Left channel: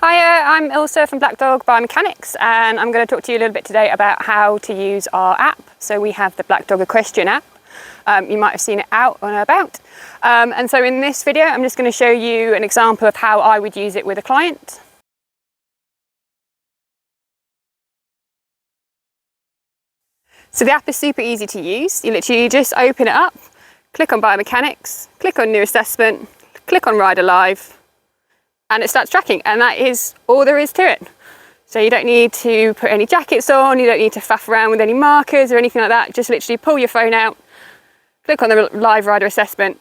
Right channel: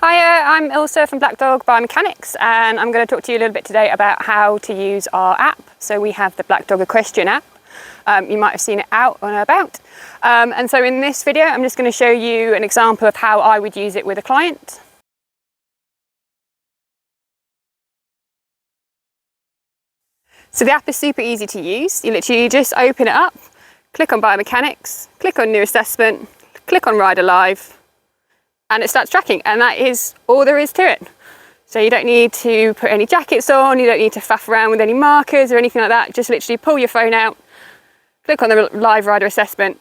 Hi, I'm Ilse from Blackdog Biomechanics, and I'm going to talk to you a little bit today about how to use our app. So we have the Blackdog Equestrian app. You might have seen it out and about. And so in this video, I'm just going to show you an example of how I would use it with a client. So the app is super easy to use. You literally just open it up, click on Biomechanics, click on New Assessment, click on Rider Live, and it starts tracking, and that is all there is to it. So you don't need to put any jackets on, you don't need to faff around with any markers or anything like that. Just literally pull your phone out, click on the live rider assessment,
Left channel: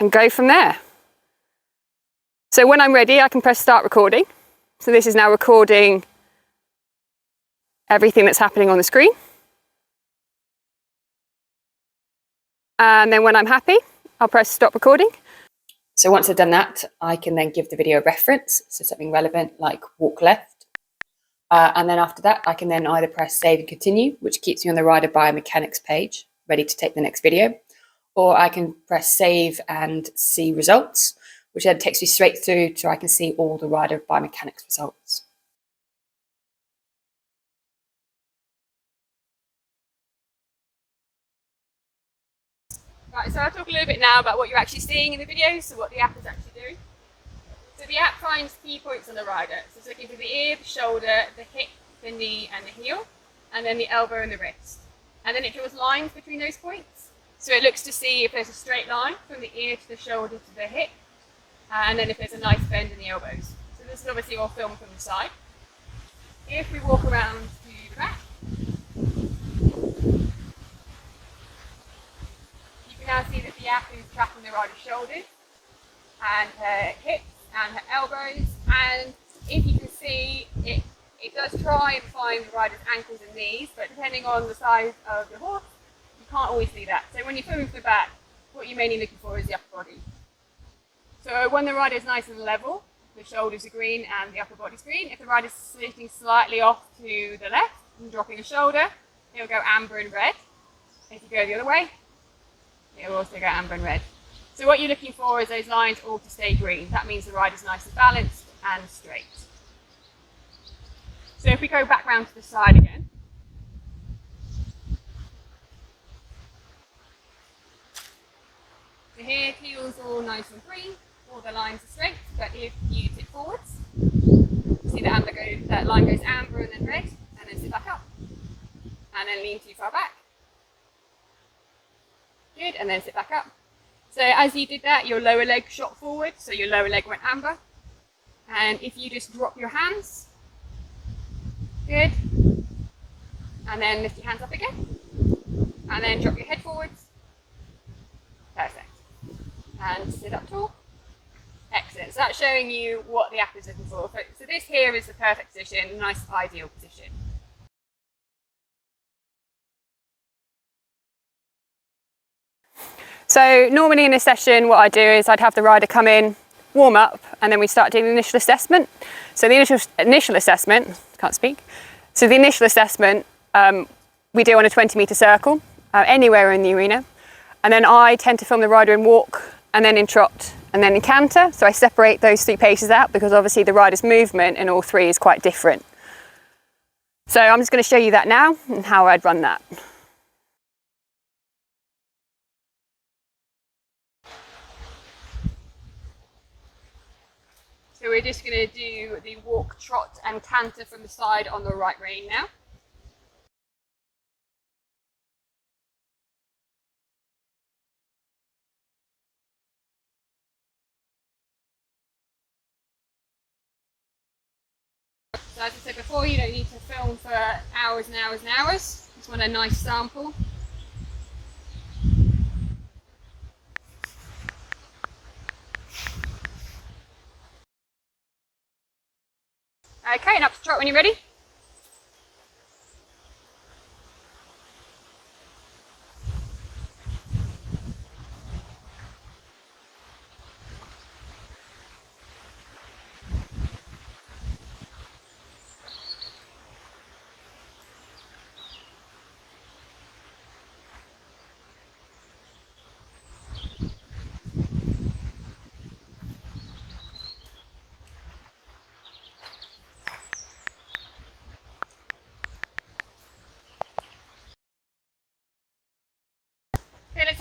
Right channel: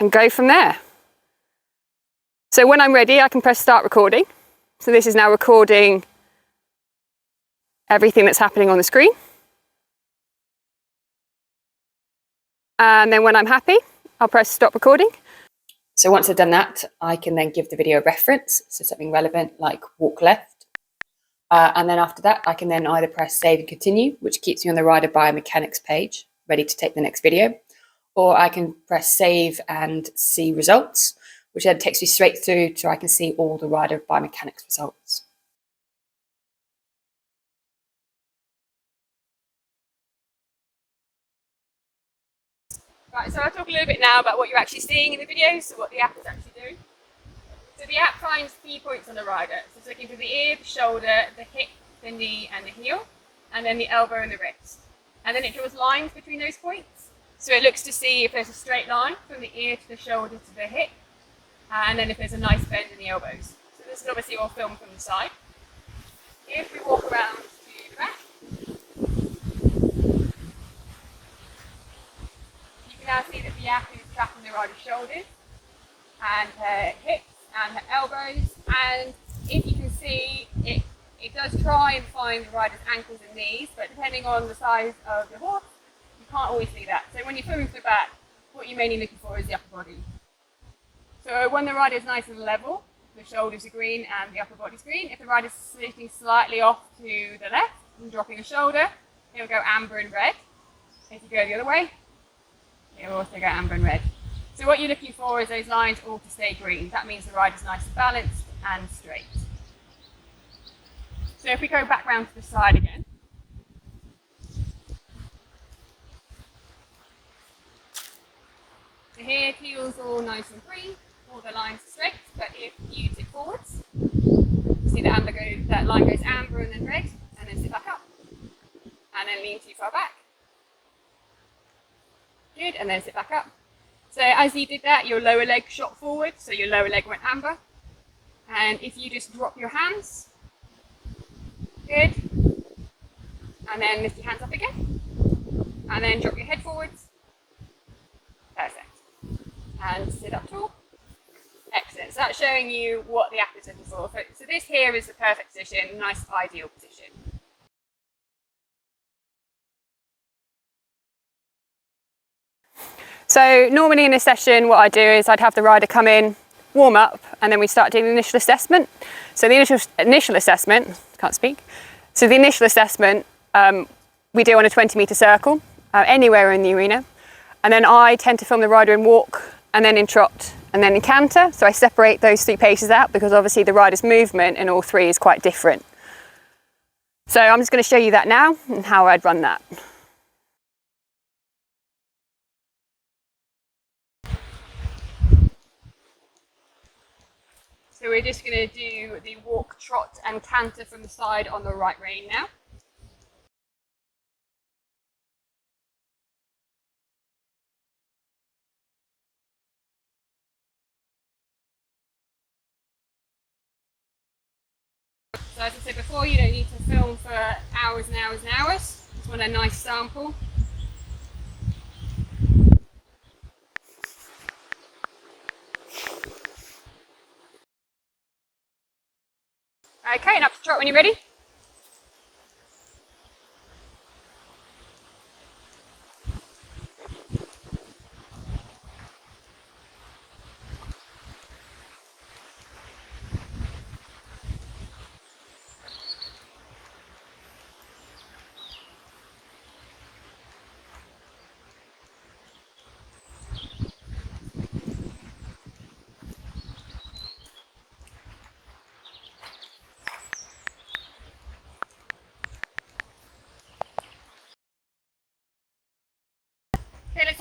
and go from there. So when I'm ready, I can press start recording. So this is now recording everything that's happening on the screen. And then when I'm happy, I'll press stop recording. So once I've done that, I can then give the video a reference, so something relevant like walk left. And then after that, I can then either press save and continue, which keeps me on the Rider Biomechanics page, ready to take the next video. Or I can press save and see results, which then takes me straight through so I can see all the Rider Biomechanics results. Right, so I'll talk a little bit now about what you're actually seeing in the video, so what the app is actually doing. So the app finds key points on the rider. So it's looking for the ear, the shoulder, the hip, the knee and the heel, and then the elbow and the wrist. And then it draws lines between those points. So it looks to see if there's a straight line from the ear to the shoulder to the hip, and then if there's a nice bend in the elbows. So this is obviously all filmed from the side. If we walk around to the back, you can now see that the app is tracking the rider's shoulders and her hips and her elbows, and if you can see, it does try and find the rider's ankles and knees, but depending on the size of your horse, you can't always see that. So when you're filming from the back, what you're mainly looking for is the upper body. So when the rider is nice and level, the shoulders are green and the upper body's green. If the rider's sitting slightly off to the left and dropping a shoulder, it'll go amber and red. If you go the other way, it will also go amber and red. So what you're looking for is those lines all to stay green. That means the rider's nice and balanced and straight. So if we go back round to the side again. So here, heel's all nice and green, all the lines are straight, but if you tip forwards, see that line goes amber and then red, and then sit back up. And then lean too far back. Good, and then sit back up. So as you did that, your lower leg shot forward, so your lower leg went amber. And if you just drop your hands, good, and then lift your hands up again, and then drop your head forwards, perfect. And sit up tall, excellent. So that's showing you what the app is looking for. So this here is the perfect position, nice ideal position. So normally in a session, what I do is I'd have the rider come in, warm up, and then we start doing the initial assessment. So the initial assessment, can't speak. So the initial assessment we do on a 20-metre circle, anywhere in the arena. And then I tend to film the rider in walk, and then in trot, and then in canter. So I separate those three paces out because obviously the rider's movement in all three is quite different. So I'm just going to show you that now and how I'd run that. So we're just going to do the walk, trot and canter from the side on the right rein now. So as I said before, you don't need to film for hours and hours and hours. Just want a nice sample. Okay, and up to trot when you're ready.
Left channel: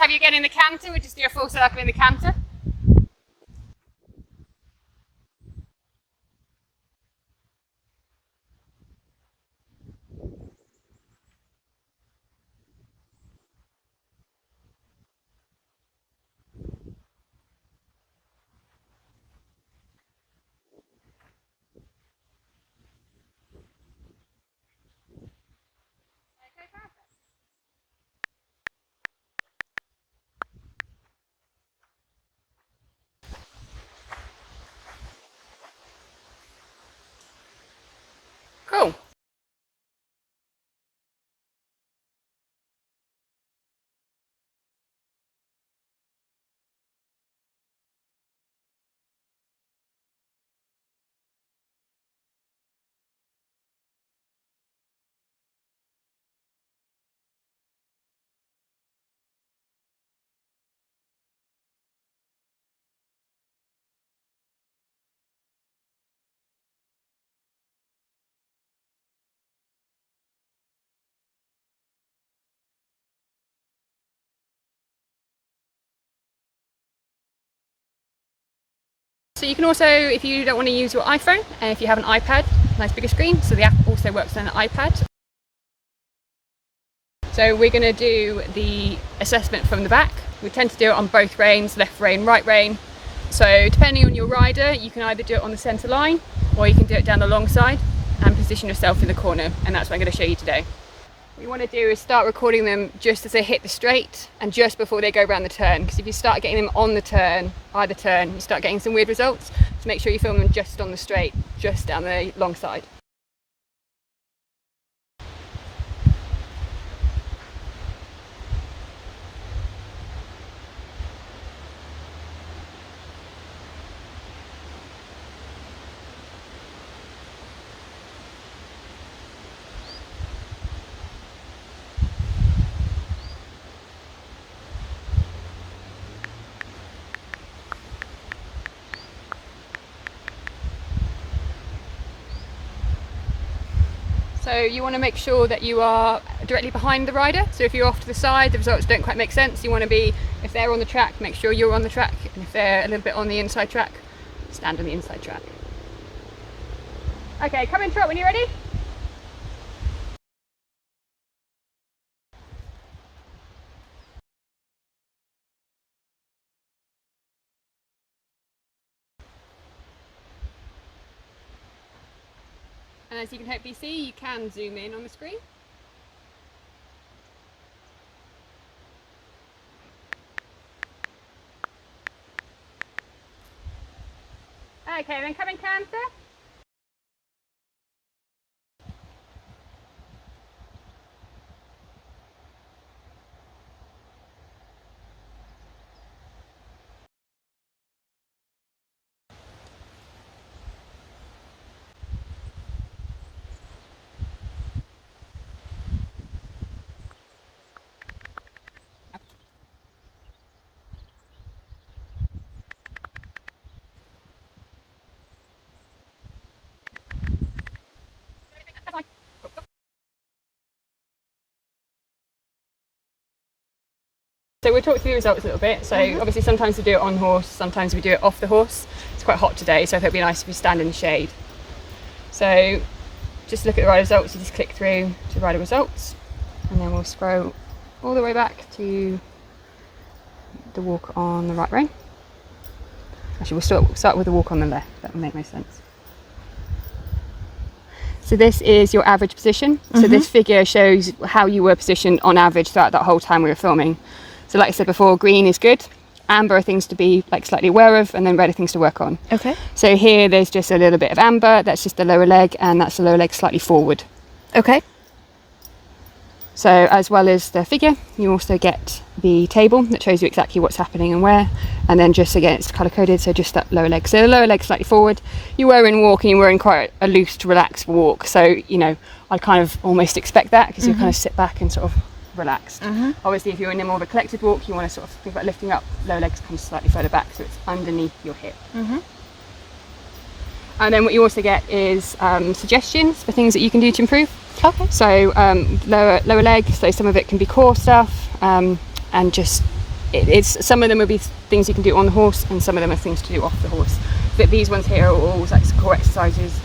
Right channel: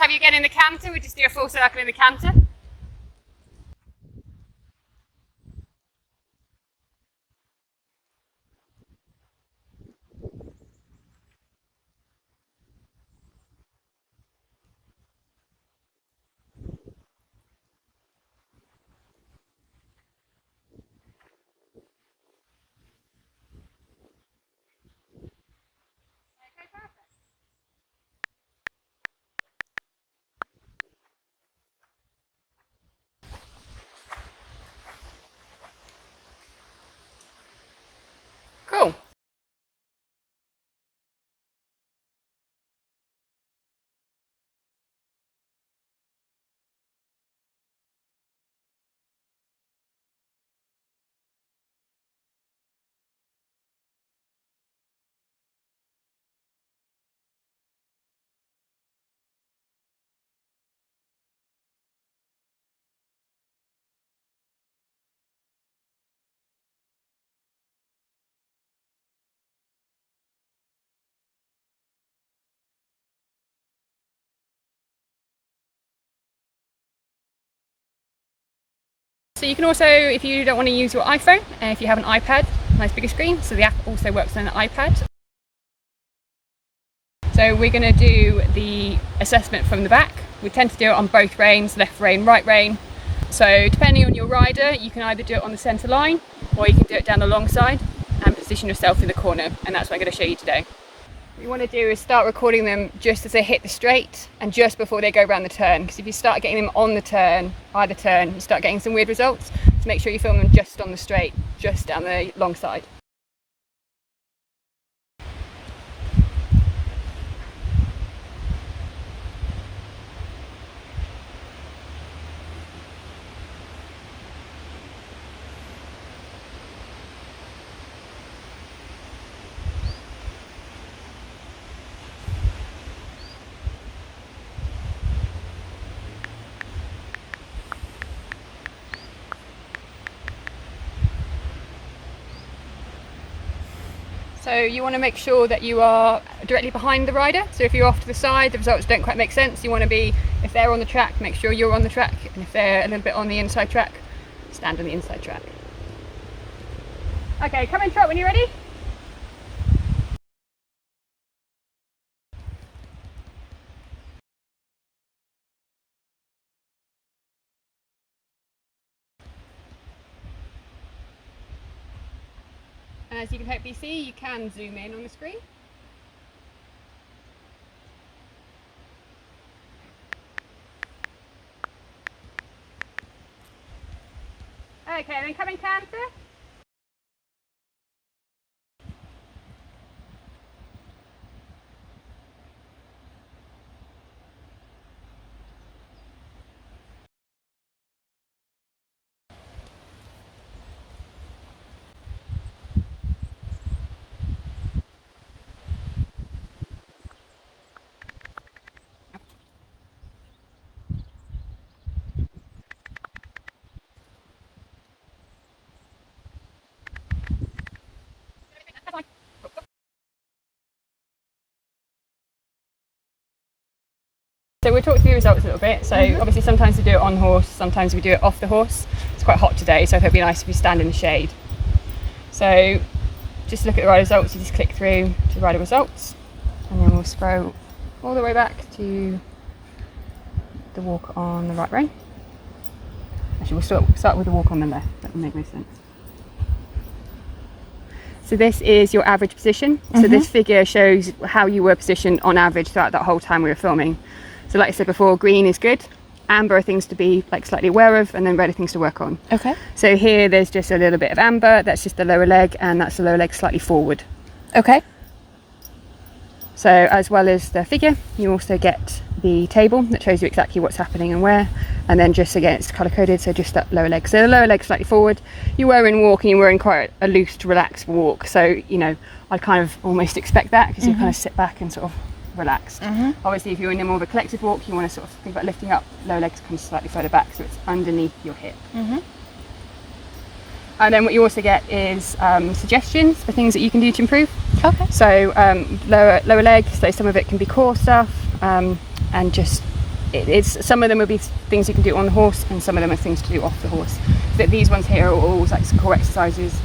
have you again in the canter. We'll just do a full circle in the canter. Cool. So you can also, if you don't want to use your iPhone, if you have an iPad, nice bigger screen, so the app also works on an iPad. So we're going to do the assessment from the back. We tend to do it on both reins, left rein, right rein. So depending on your rider, you can either do it on the centre line, or you can do it down the long side and position yourself in the corner, and that's what I'm going to show you today. What you want to do is start recording them just as they hit the straight and just before they go around the turn, because if you start getting them on the turn, either turn, you start getting some weird results. So make sure you film them just on the straight, just down the long side. So you want to make sure that you are directly behind the rider. So if you're off to the side, the results don't quite make sense. You want to be, if they're on the track, make sure you're on the track. And if they're a little bit on the inside track, stand on the inside track. Okay, come in trot when you're ready. And as you can hopefully see, you can zoom in on the screen. Okay, then come in canter. So we'll talk through the results a little bit. So obviously sometimes we do it on horse, sometimes we do it off the horse. It's quite hot today, so I thought it'd be nice if you stand in the shade. So just look at the rider results, you just click through to rider results, and then we'll scroll all the way back to the walk on the right rein. Actually, we'll start with the walk on the left, that would make no sense. So this is your average position. So this figure shows how you were positioned on average throughout that whole time we were filming. So like I said before, green is good, amber are things to be like slightly aware of, and then red are things to work on. Okay. So here there's just a little bit of amber, that's just the lower leg, and that's the lower leg slightly forward. Okay. So as well as the figure, you also get the table that shows you exactly what's happening and where, and then just again it's colour coded, so just that lower leg. So the lower leg slightly forward. You were in walk and you were in quite a loose, relaxed walk, so you know I kind of almost expect that because you kind of sit back and sort of relaxed. Obviously if you're in a more of a collected walk, you want to sort of think about lifting up, lower legs come slightly further back so it's underneath your hip. And then what you also get is suggestions for things that you can do to improve. Okay. So lower leg, so some of it can be core stuff, and just it's some of them will be things you can do on the horse, and some of them are things to do off the horse. But these ones here are all like core exercises.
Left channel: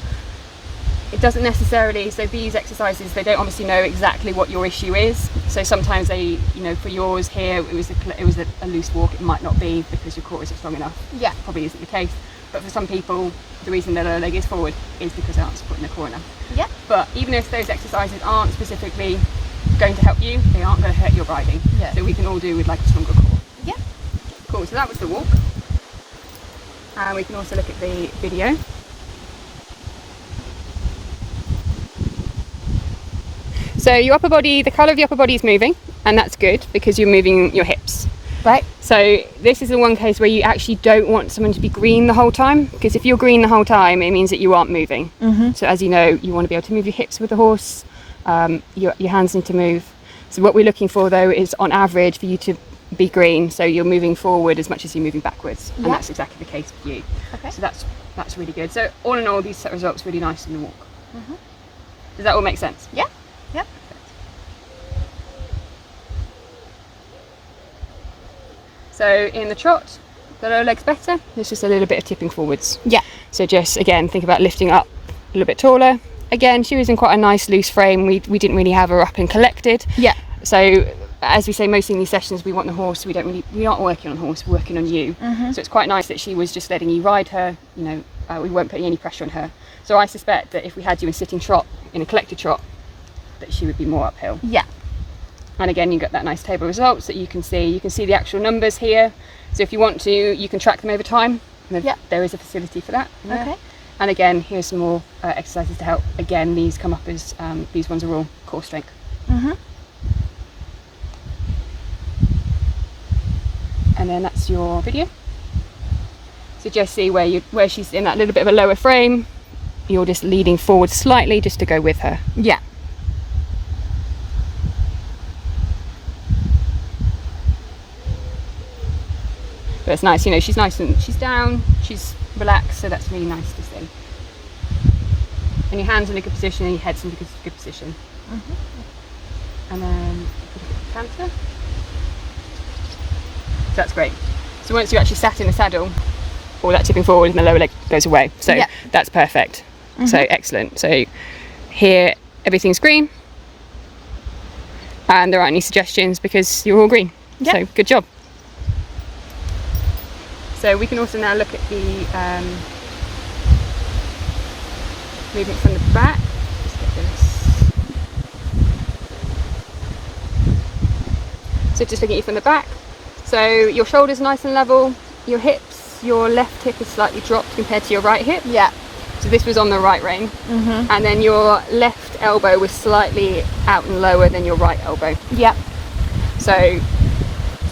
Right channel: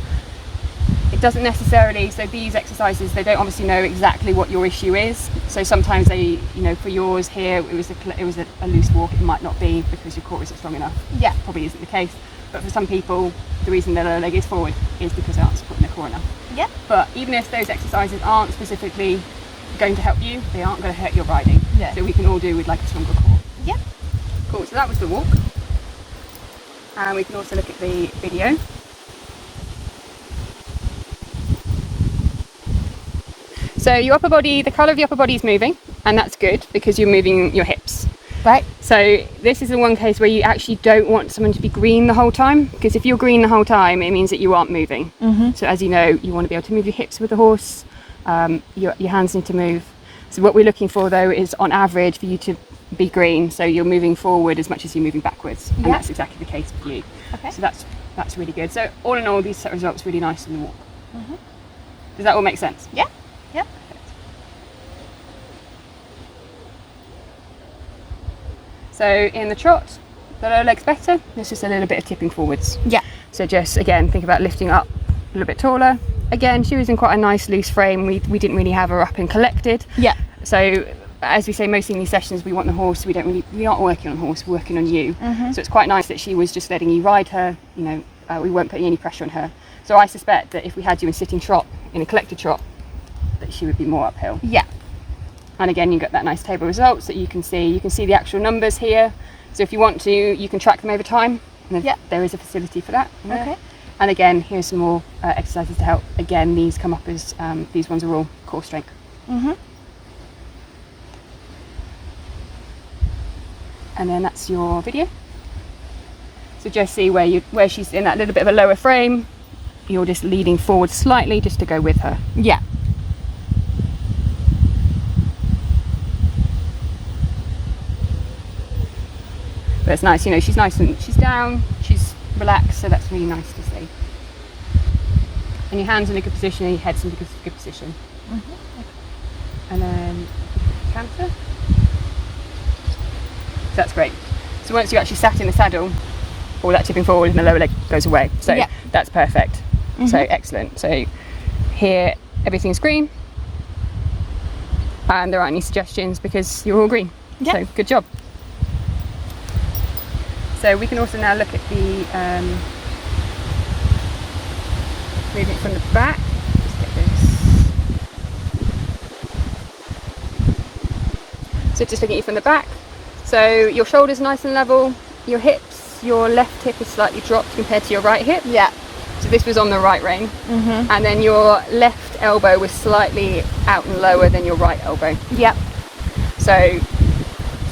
It doesn't necessarily, so these exercises, they don't obviously know exactly what your issue is. So sometimes they, you know, for yours here, it was a loose walk. It might not be because your core isn't strong enough. Yeah, probably isn't the case. But for some people, the reason their lower leg is forward is because they aren't supporting their core enough. Yeah. But even if those exercises aren't specifically going to help you, they aren't going to hurt your riding. Yeah. So we can all do with like a stronger core. Yeah. Cool. So that was the walk. And we can also look at the video. So your upper body, the colour of the upper body is moving, and that's good because you're moving your hips. Right. So this is the one case where you actually don't want someone to be green the whole time, because if you're green the whole time, it means that you aren't moving. Mm-hmm. So as you know, you want to be able to move your hips with the horse, your hands need to move. So what we're looking for though is on average for you to be green, so you're moving forward as much as you're moving backwards. And that's exactly the case for you. Okay. So that's really good. So all in all, these set results really nice in the walk. Mm-hmm. Does that all make sense? Yeah. Yep. So in the trot, the lower leg's better. There's just a little bit of tipping forwards. Yeah. So just again, think about lifting up a little bit taller. Again, she was in quite a nice loose frame. We didn't really have her up and collected. Yeah. So as we say, mostly in these sessions, we want the horse. We aren't working on horse. We're working on you. Mm-hmm. So it's quite nice that she was just letting you ride her. You know, we weren't putting any pressure on her. So I suspect that if we had you in sitting trot, in a collected trot, that she would be more uphill. Yeah. And again, you get that nice table results that you can see. You can see the actual numbers here. So if you want to, you can track them over time. And there is a facility for that. Okay. And again, here's some more exercises to help. Again, these come up as, these ones are all core strength. Mm-hmm. And then that's your video. So just see where she's in that little bit of a lower frame. You're just leading forward slightly just to go with her. Yeah. But it's nice, you know, she's nice and she's down, she's relaxed, so that's really nice to see. And your hands in a good position and your head's in a good position. Mm-hmm. And then canter. So that's great. So once you actually sat in the saddle, all that tipping forward and the lower leg goes away. So that's perfect. Mm-hmm. So excellent. So here everything's green and there aren't any suggestions because you're all green. Yep. So good job. So we can also now look at the movement from the back. Let's get this. So just looking at you from the back. So your shoulders nice and level, your hips, your left hip is slightly dropped compared to your right hip. Yeah. So this was on the right rein. Mm-hmm. And then your left elbow was slightly out and lower than your right elbow. Yep. So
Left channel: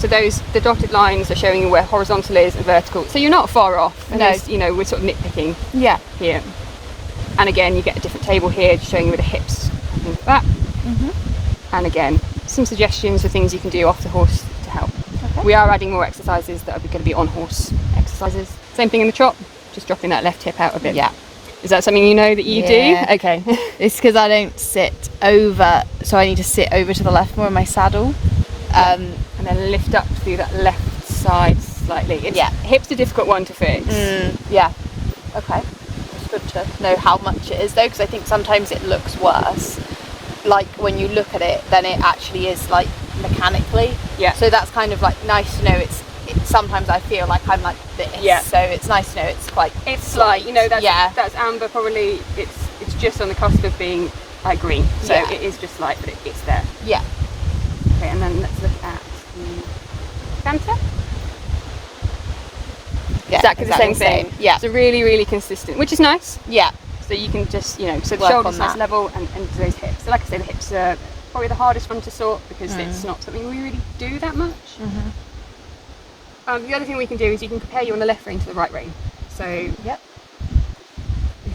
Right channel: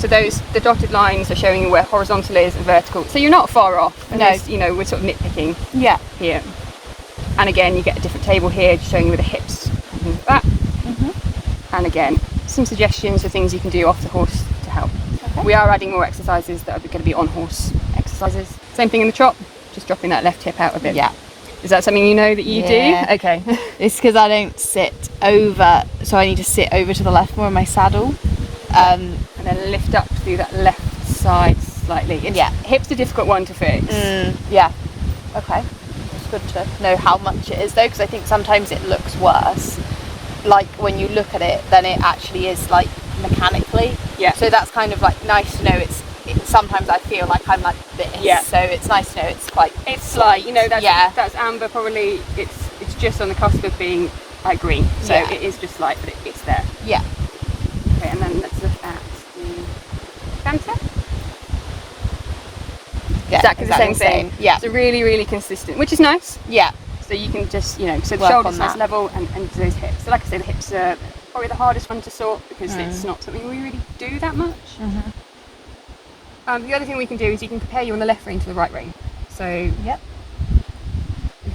the dotted lines are showing you where horizontal is and vertical. So you're not far off. No. You know, we're sort of nitpicking here. And again, you get a different table here showing you where the hips and things like that. Mm-hmm. And again, some suggestions for things you can do off the horse to help. Okay. We are adding more exercises that are going to be on horse exercises. Same thing in the trot, just dropping that left hip out a bit. Yeah. Is that something you know that you do? Okay. It's because I don't sit over, so I need to sit over to the left more in my saddle. And then lift up through that left side slightly. Hip's a difficult one to fix. Yeah. Okay. It's good to know how much it is though, because I think sometimes it looks worse. Like when you look at it, then it actually is like mechanically. Yeah. So that's kind of like nice to know. It's sometimes I feel like I'm like this. Yeah. So it's nice to know it's quite. It's like, you know, that's amber probably. It's just on the cusp of being like green. So it is just light, but it's there. Yeah. Okay, and then let's look at the canter. Yeah, exactly the same thing. Yeah. So really, really consistent, which is nice. Yeah. So you can just, you know, so the shoulders nice level and those hips. So like I say, the hips are probably the hardest one to sort because it's not something we really do that much. Mm-hmm. The other thing we can do is you can compare you on the left rein to the right rein. So if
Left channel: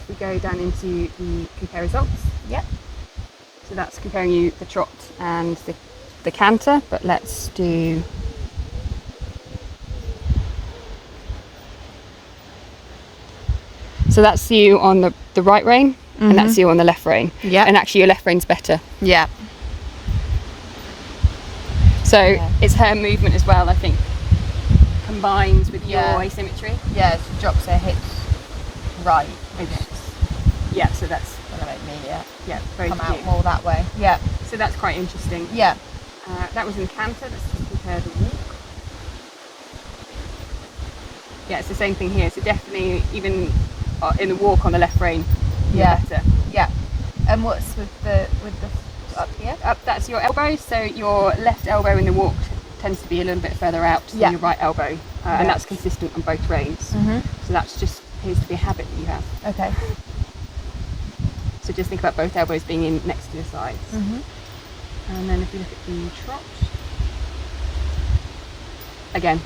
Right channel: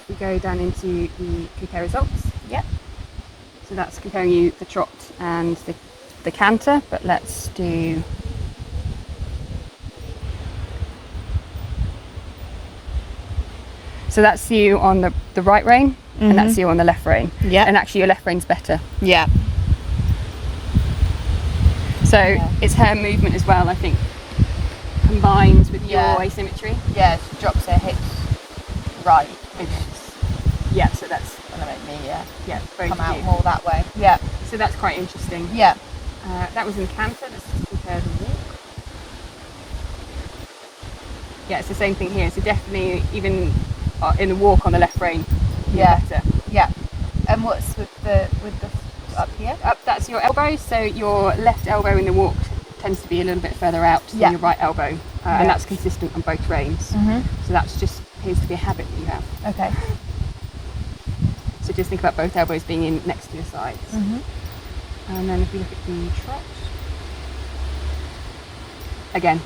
we go down into the compare results. Yep. So that's comparing you the trot and the canter, but let's do so that's you on the right rein and that's you on the left rein. Yeah. And actually your left rein's better. Yeah. So it's her movement as well, I think, combines with your asymmetry. Yeah, she drops her hips right. Yeah, so that's gonna make me very come out cute. more that way. Yeah. So that's quite interesting. Yeah. That was in canter. Let's just compare the walk. Yeah, it's the same thing here. So definitely, even in the walk on the left rein, better. Yeah. And what's with the up here? Up, that's your elbow. So your left elbow in the walk tends to be a little bit further out than your right elbow, and that's consistent on both reins. So that's just appears to be a habit that you have. Okay. So just think about both elbows being in next to your sides. And then if you look at the trot, again.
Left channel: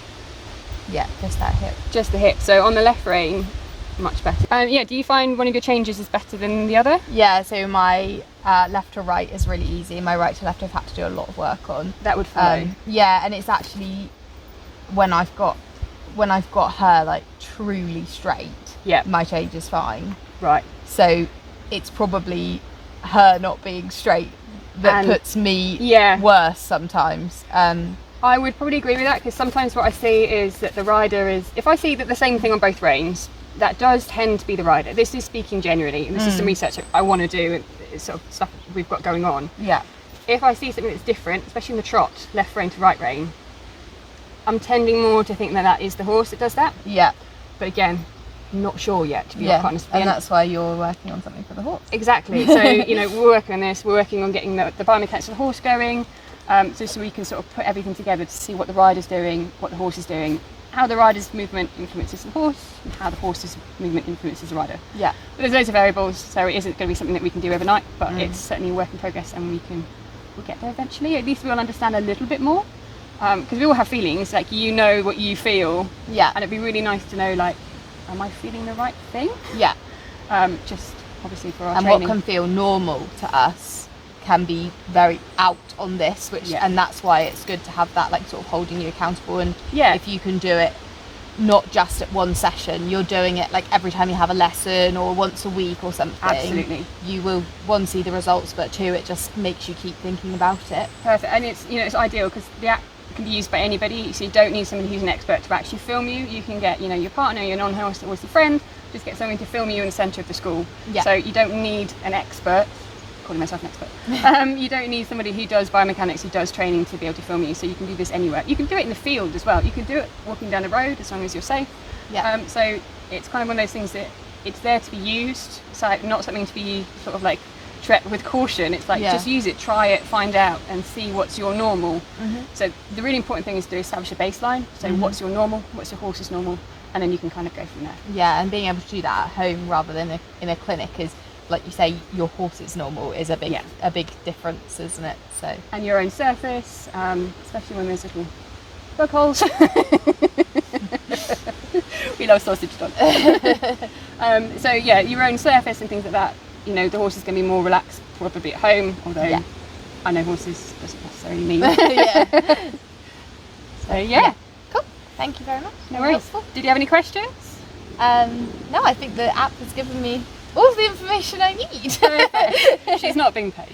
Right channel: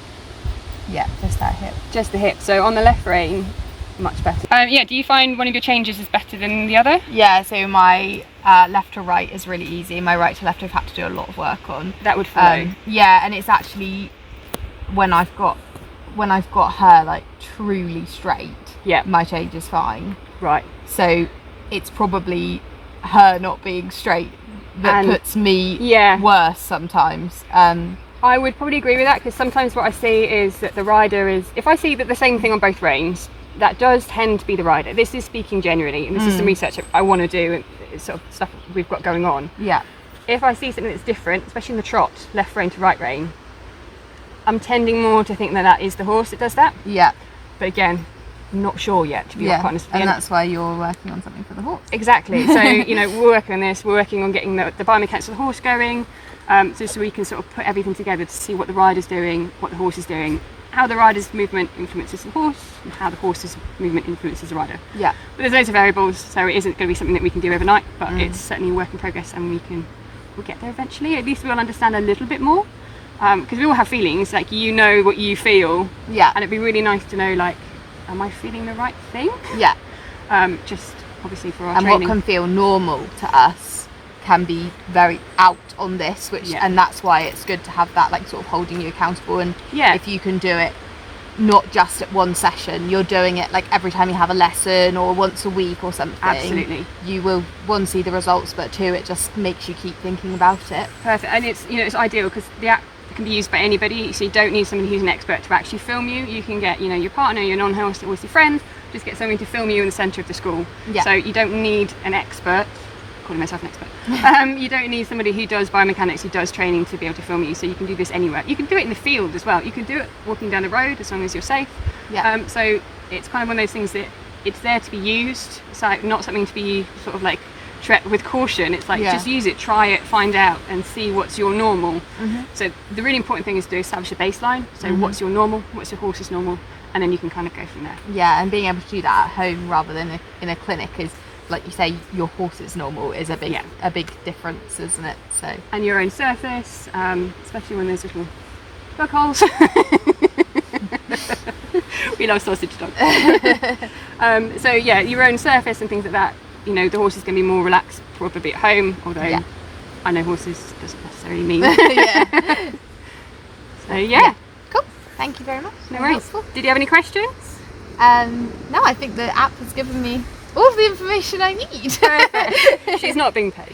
Yeah, just that hip. Just the hip. So on the left rein, much better. Do you find one of your changes is better than the other? Yeah, so my left to right is really easy. My right to left I've had to do a lot of work on. That would flow. Yeah, and it's actually when I've got her like truly straight, my change is fine. Right. So it's probably her not being straight that puts me worse sometimes. I would probably agree with that, because sometimes what I see is that the rider is, if I see that the same thing on both reins, that does tend to be the rider. This is speaking generally, and this is some research I want to do, and it's sort of stuff we've got going on. Yeah. If I see something that's different, especially in the trot, left rein to right rein, I'm tending more to think that that is the horse that does that. Yeah. But again, not sure yet, to be honest. And that's why you're working on something for the horse. Exactly. So, we're working on this. We're working on getting the biomechanics of the horse going, so we can sort of put everything together to see what the rider's doing, what the horse is doing, how the rider's movement influences the horse, and how the horse's movement influences the rider. Yeah. But there's loads of variables, so it isn't going to be something that we can do overnight, but it's certainly a work in progress, and we'll get there eventually. At least we'll understand a little bit more, because we all have feelings, like what you feel. Yeah. And it'd be really nice to know, like, am I feeling the right thing? Yeah. Just obviously for our and training. what can feel normal to us can be very out on this, and that's why it's good to have that, like, sort of holding you accountable. And if you can do it not just at one session, you're doing it like every time you have a lesson or once a week or something. Absolutely. You will, one, see the results, but two, it just makes you keep thinking about it. Perfect. And it's it's ideal because the app can be used by anybody, so you don't need somebody who's an expert to actually film you. You can get your partner, your non-horse horsey friend, just get somebody to film you in the centre of the school. So you don't need an expert. Calling myself an expert. You don't need somebody who does biomechanics, who does training, to be able to film you. So you can do this anywhere. You can do it in the field as well. You can do it walking down the road, as long as you're safe. So it's kind of one of those things that it's there to be used. It's like not something to be sort of like tread with caution. It's like just use it, try it, find out, and see what's your normal. So the really important thing is to establish a baseline. So what's your normal? What's your horse's normal? And then you can kind of go from there. Yeah, and being able to do that at home rather than in a clinic is, like you say, your horse's normal is a big difference, isn't it? So, and your own surface, especially when there's little bug holes. We love sausage dog. So your own surface and things like that. The horse is going to be more relaxed probably at home, although I know horses doesn't necessarily mean. So cool. Thank you very much. No worries. Did you have any questions? No, I think the app has given me all the information I need. She's not being paid.